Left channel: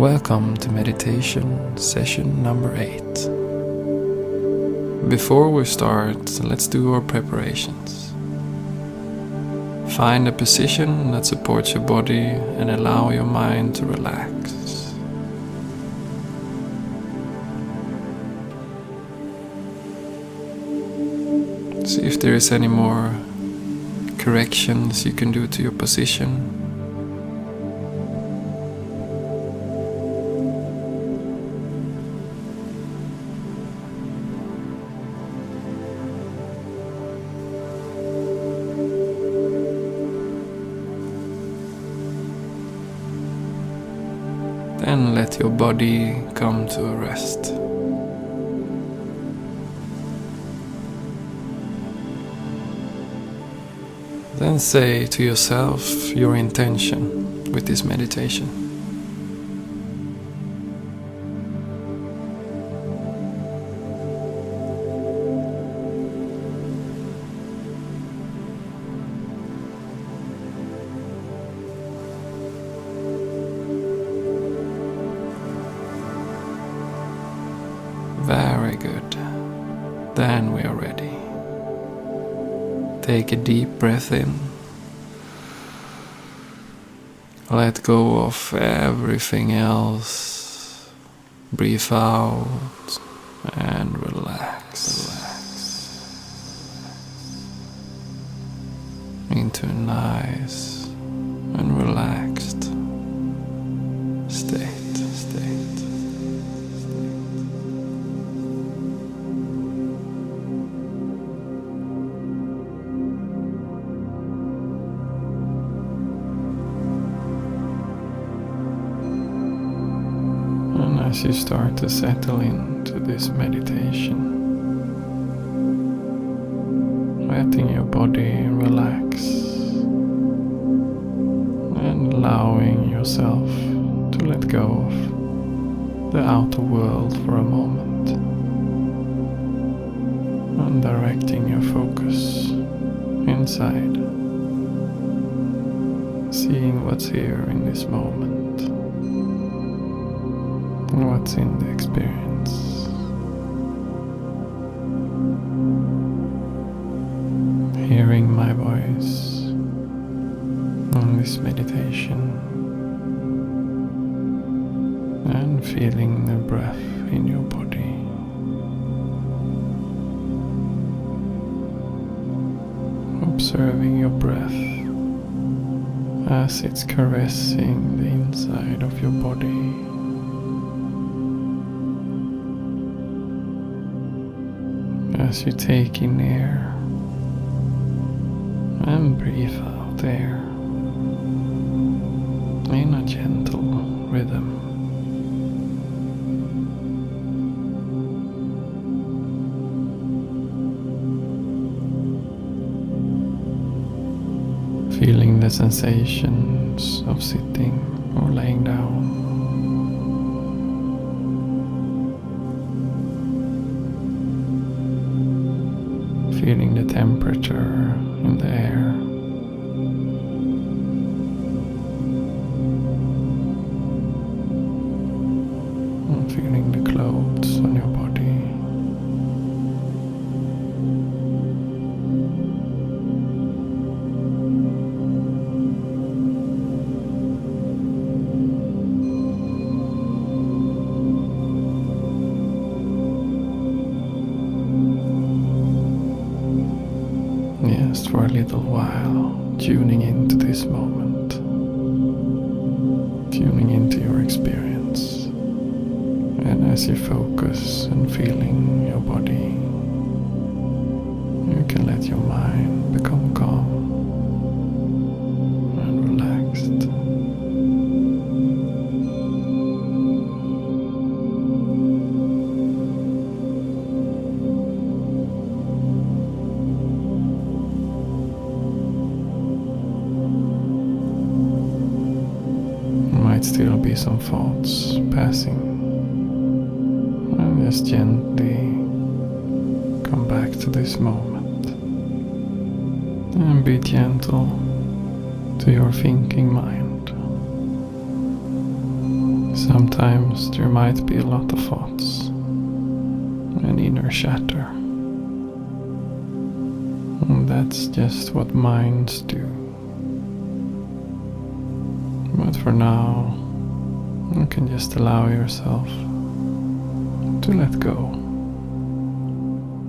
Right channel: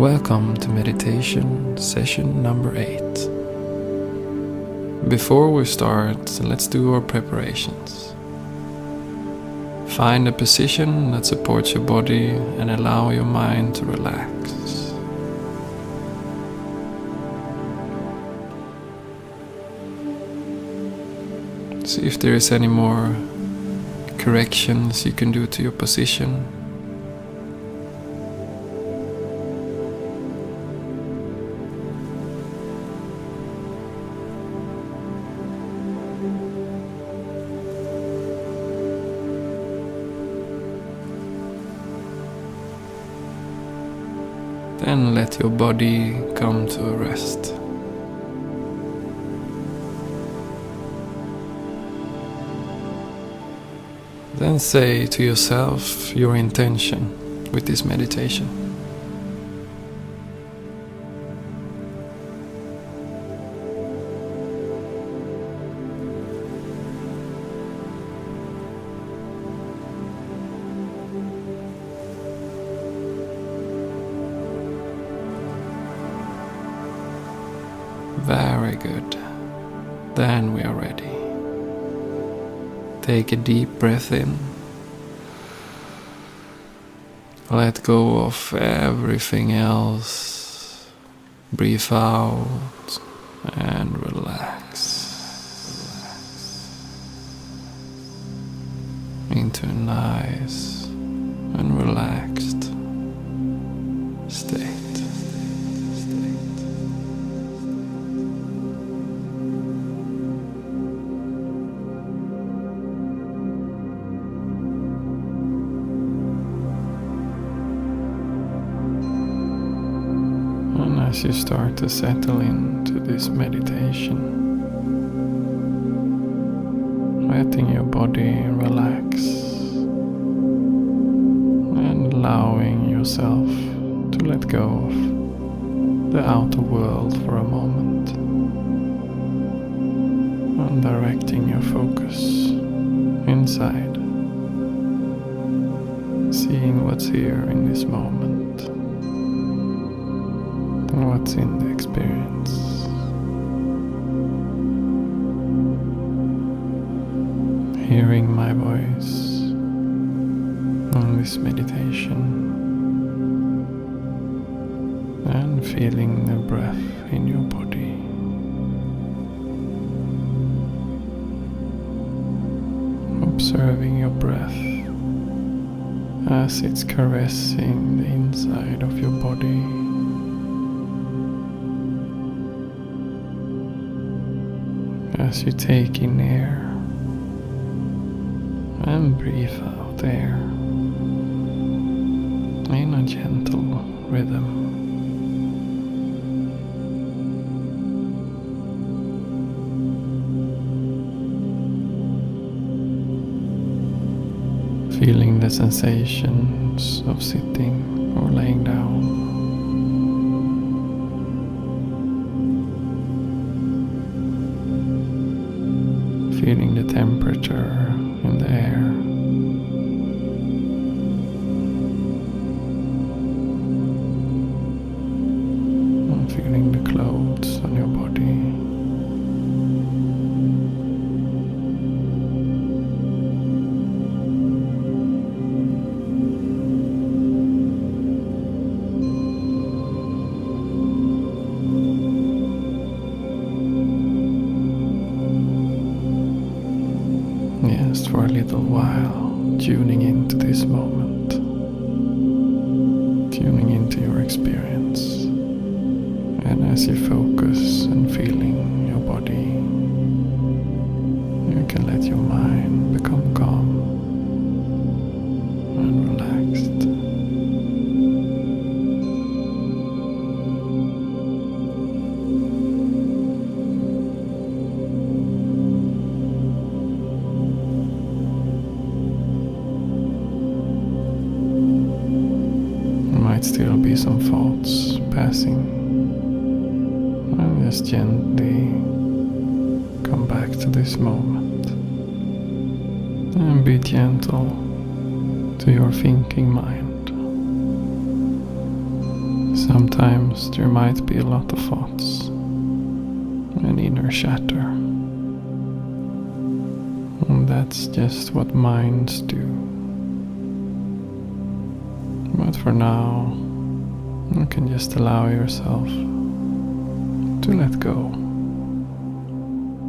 Welcome to meditation session number 8. Before we start, let's do our preparations. Find a position that supports your body and allow your mind to relax. See if there is any more corrections you can do to your position. Then let your body come to a rest. Then say to yourself your intention with this meditation. Very good. Then we are ready. Take a deep breath in. Let go of everything else. Breathe out and relax into a nice and relaxed state. As you start to settle into this meditation, letting your body relax and allowing yourself to let go of the outer world for a moment and directing your focus inside, seeing what's here in this moment. And what's in the experience. Hearing my voice on this meditation and feeling the breath in your body. Observing your breath as it's caressing the inside of your body. As you take in air and breathe out air in a gentle rhythm. Feeling the sensations of sitting or laying down. Feeling the temperature in the air. And feeling the clothes on your body. Just for a little while, tuning into this moment, tuning into your experience, and as you focus and feeling your body, you can let your mind become calm and relaxed. Still be some thoughts passing, and just gently come back to this moment and be gentle to your thinking mind. Sometimes there might be a lot of thoughts and inner chatter. And that's just what minds do. But for now, you can just allow yourself to let go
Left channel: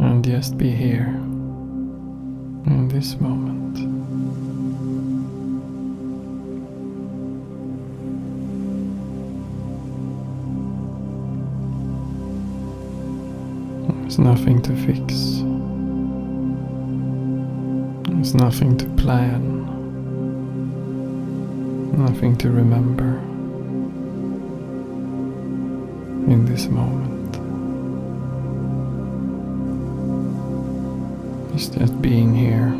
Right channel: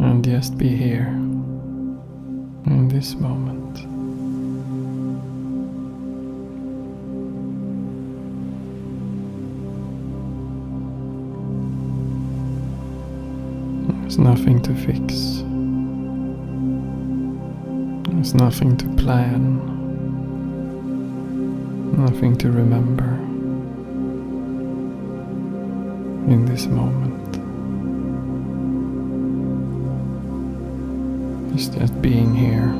and just be here in this moment. There's nothing to fix. There's nothing to plan. Nothing to remember in this moment. It's just being here.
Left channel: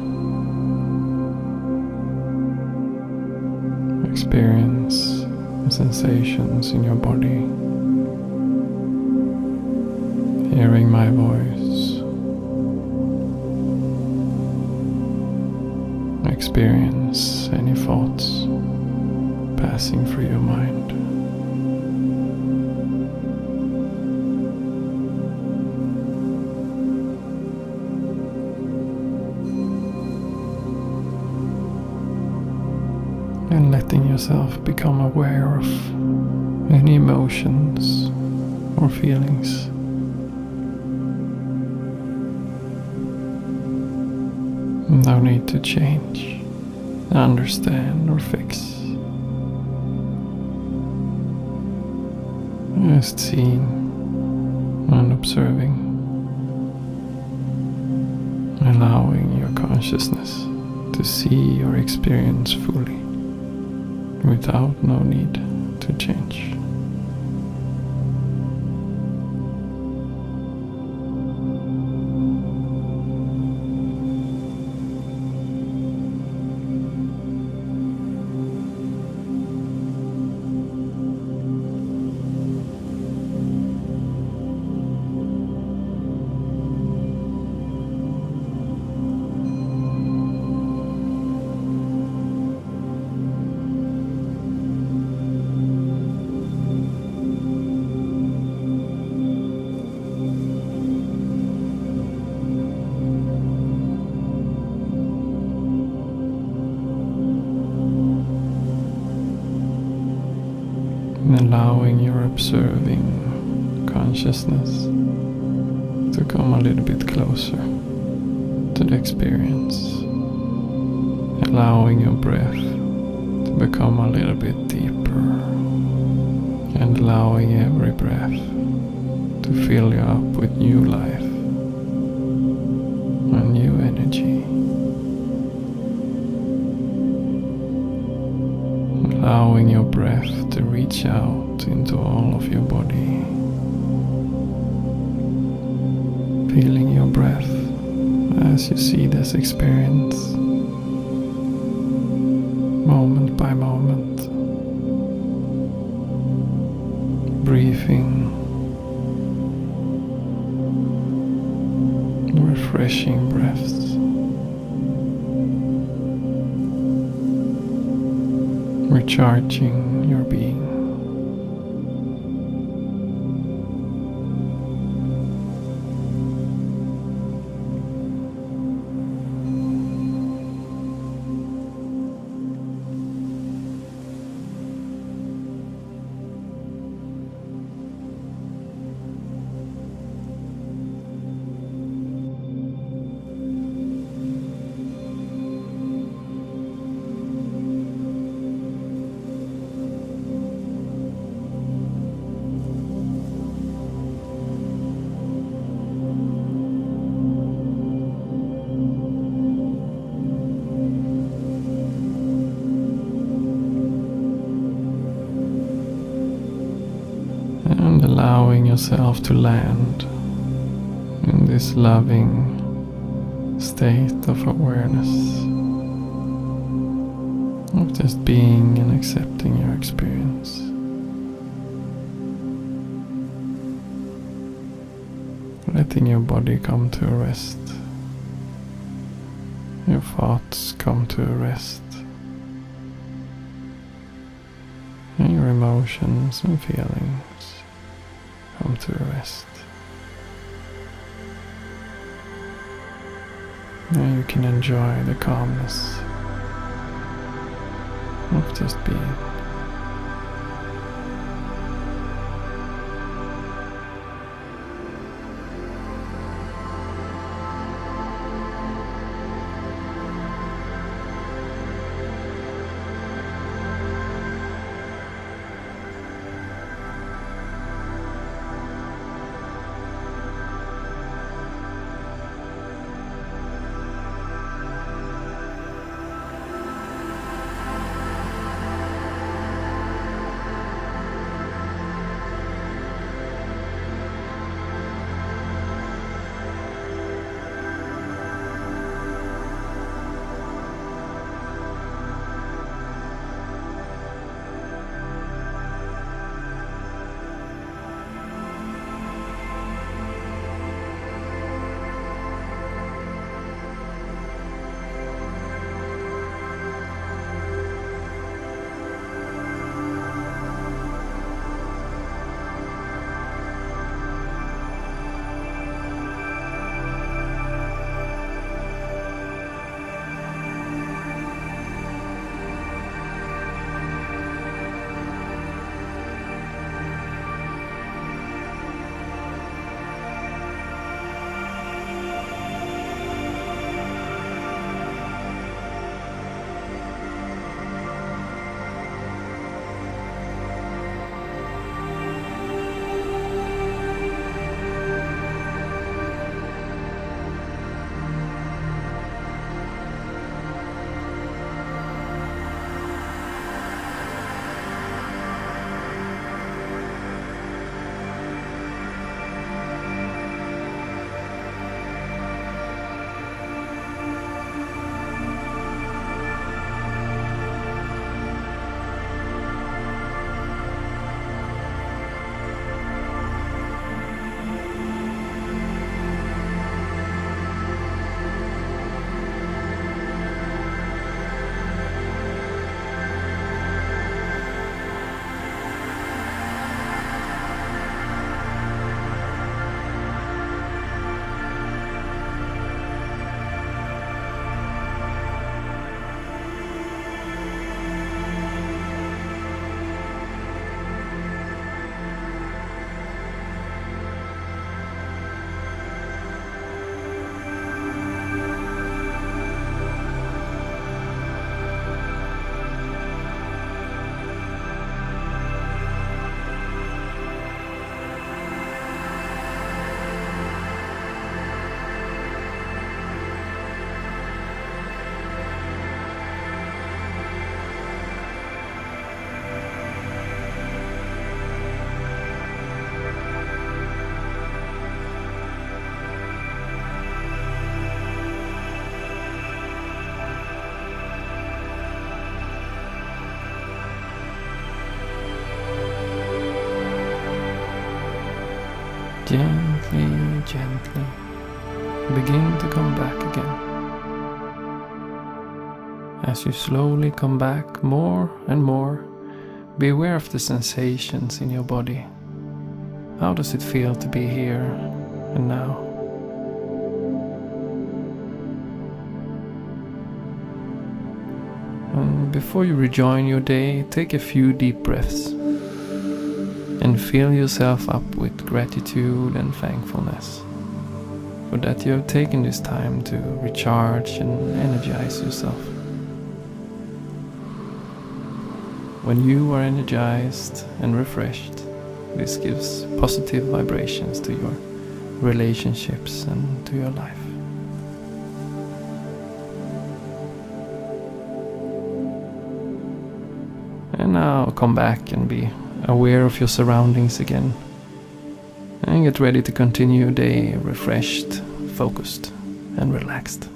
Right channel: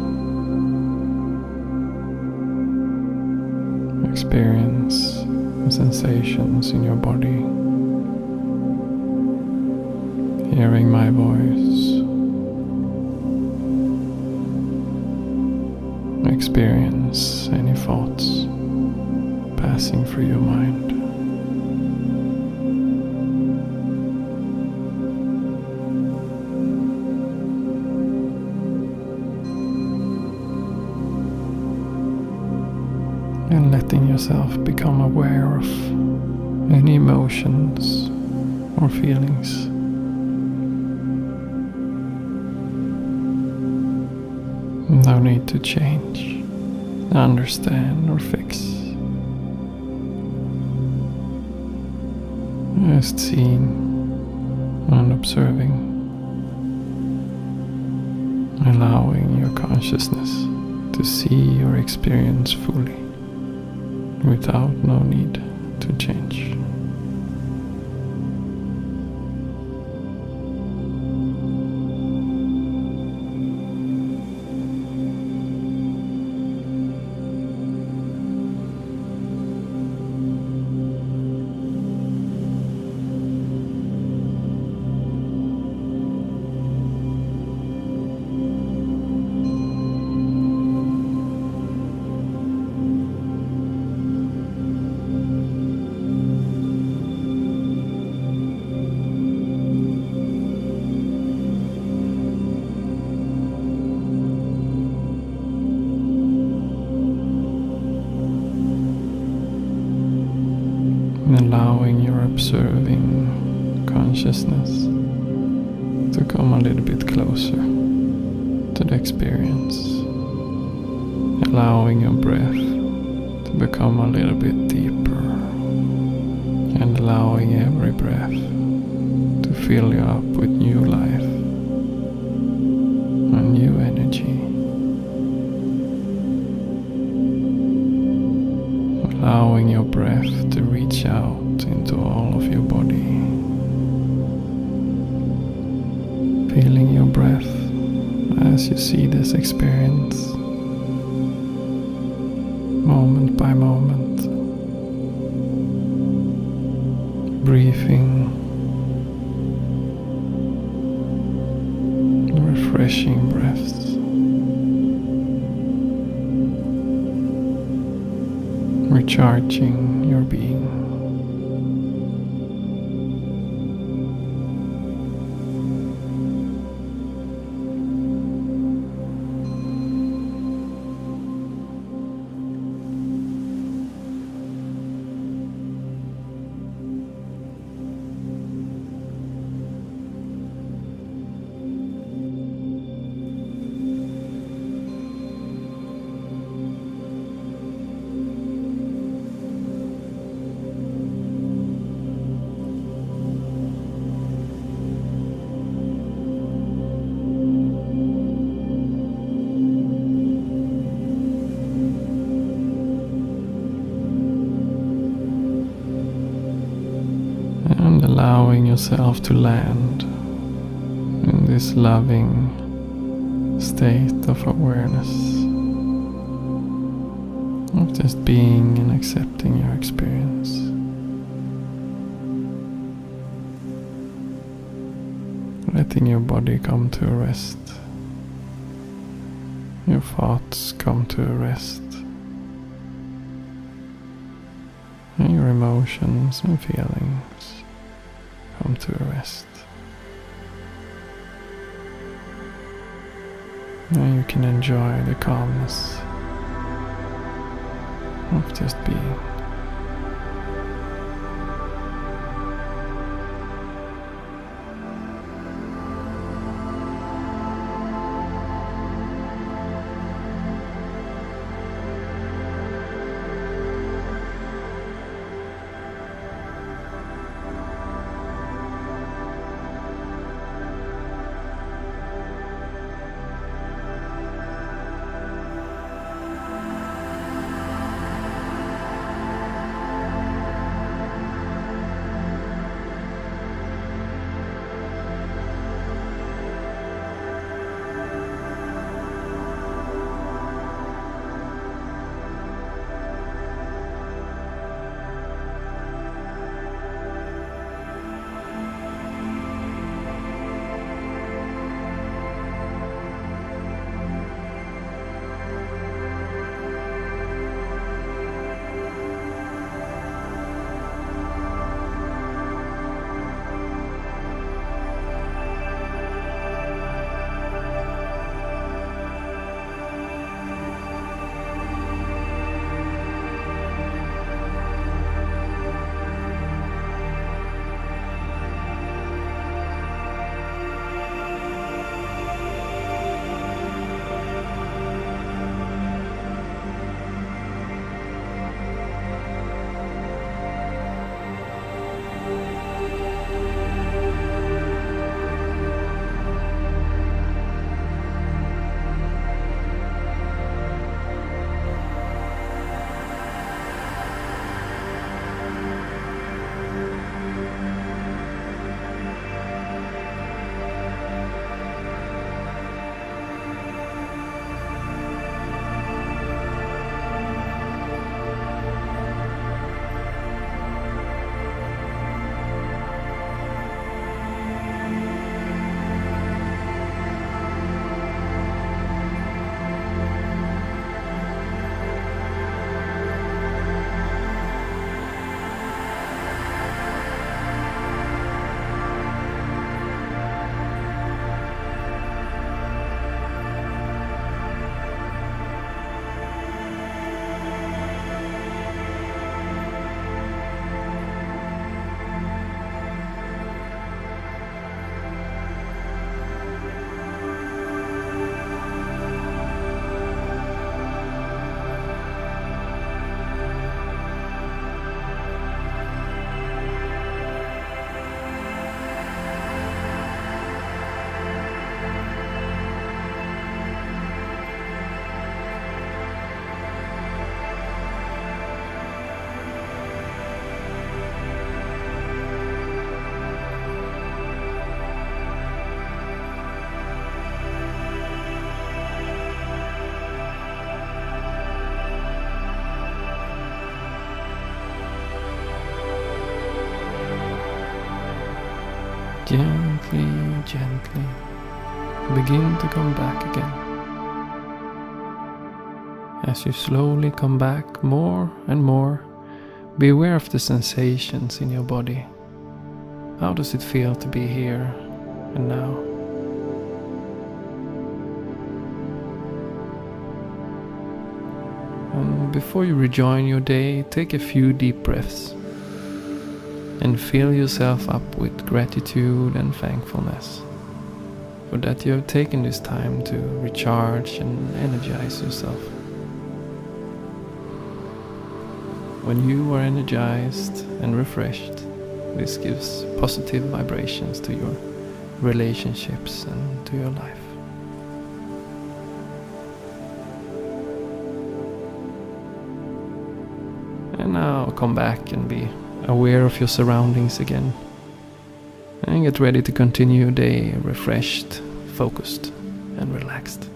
Experience the sensations in your body. Hearing my voice. Experience any thoughts passing through your mind. And letting yourself become aware of any emotions or feelings. No need to change, understand or fix. Just seeing and observing, allowing your consciousness to see or experience fully, without no need to change. And allowing your observing consciousness to come a little bit closer to the experience. Allowing your breath to become a little bit deeper. And allowing every breath to fill you up with new life and new energy. Allowing your breath to reach out into all of your body. Feeling your breath as you see this experience, moment by moment. Breathing, refreshing breaths. Recharging your being. And allowing yourself to land in this loving state of awareness, of just being and accepting your experience. Letting your body come to a rest, your thoughts come to a rest, and your emotions and feelings come to a rest. Now you can enjoy the calmness of just being. Gently, gently begin to come back again. As you slowly come back more and more, be aware of the sensations in your body. How does it feel to be here and now? And before you rejoin your day, take a few deep breaths and fill yourself up with gratitude and thankfulness for that you have taken this time to recharge and energize yourself. When you are energized and refreshed, this gives positive vibrations to your relationships and to your life. And now come back and be aware of your surroundings again. And get ready to continue your day refreshed, focused, and relaxed.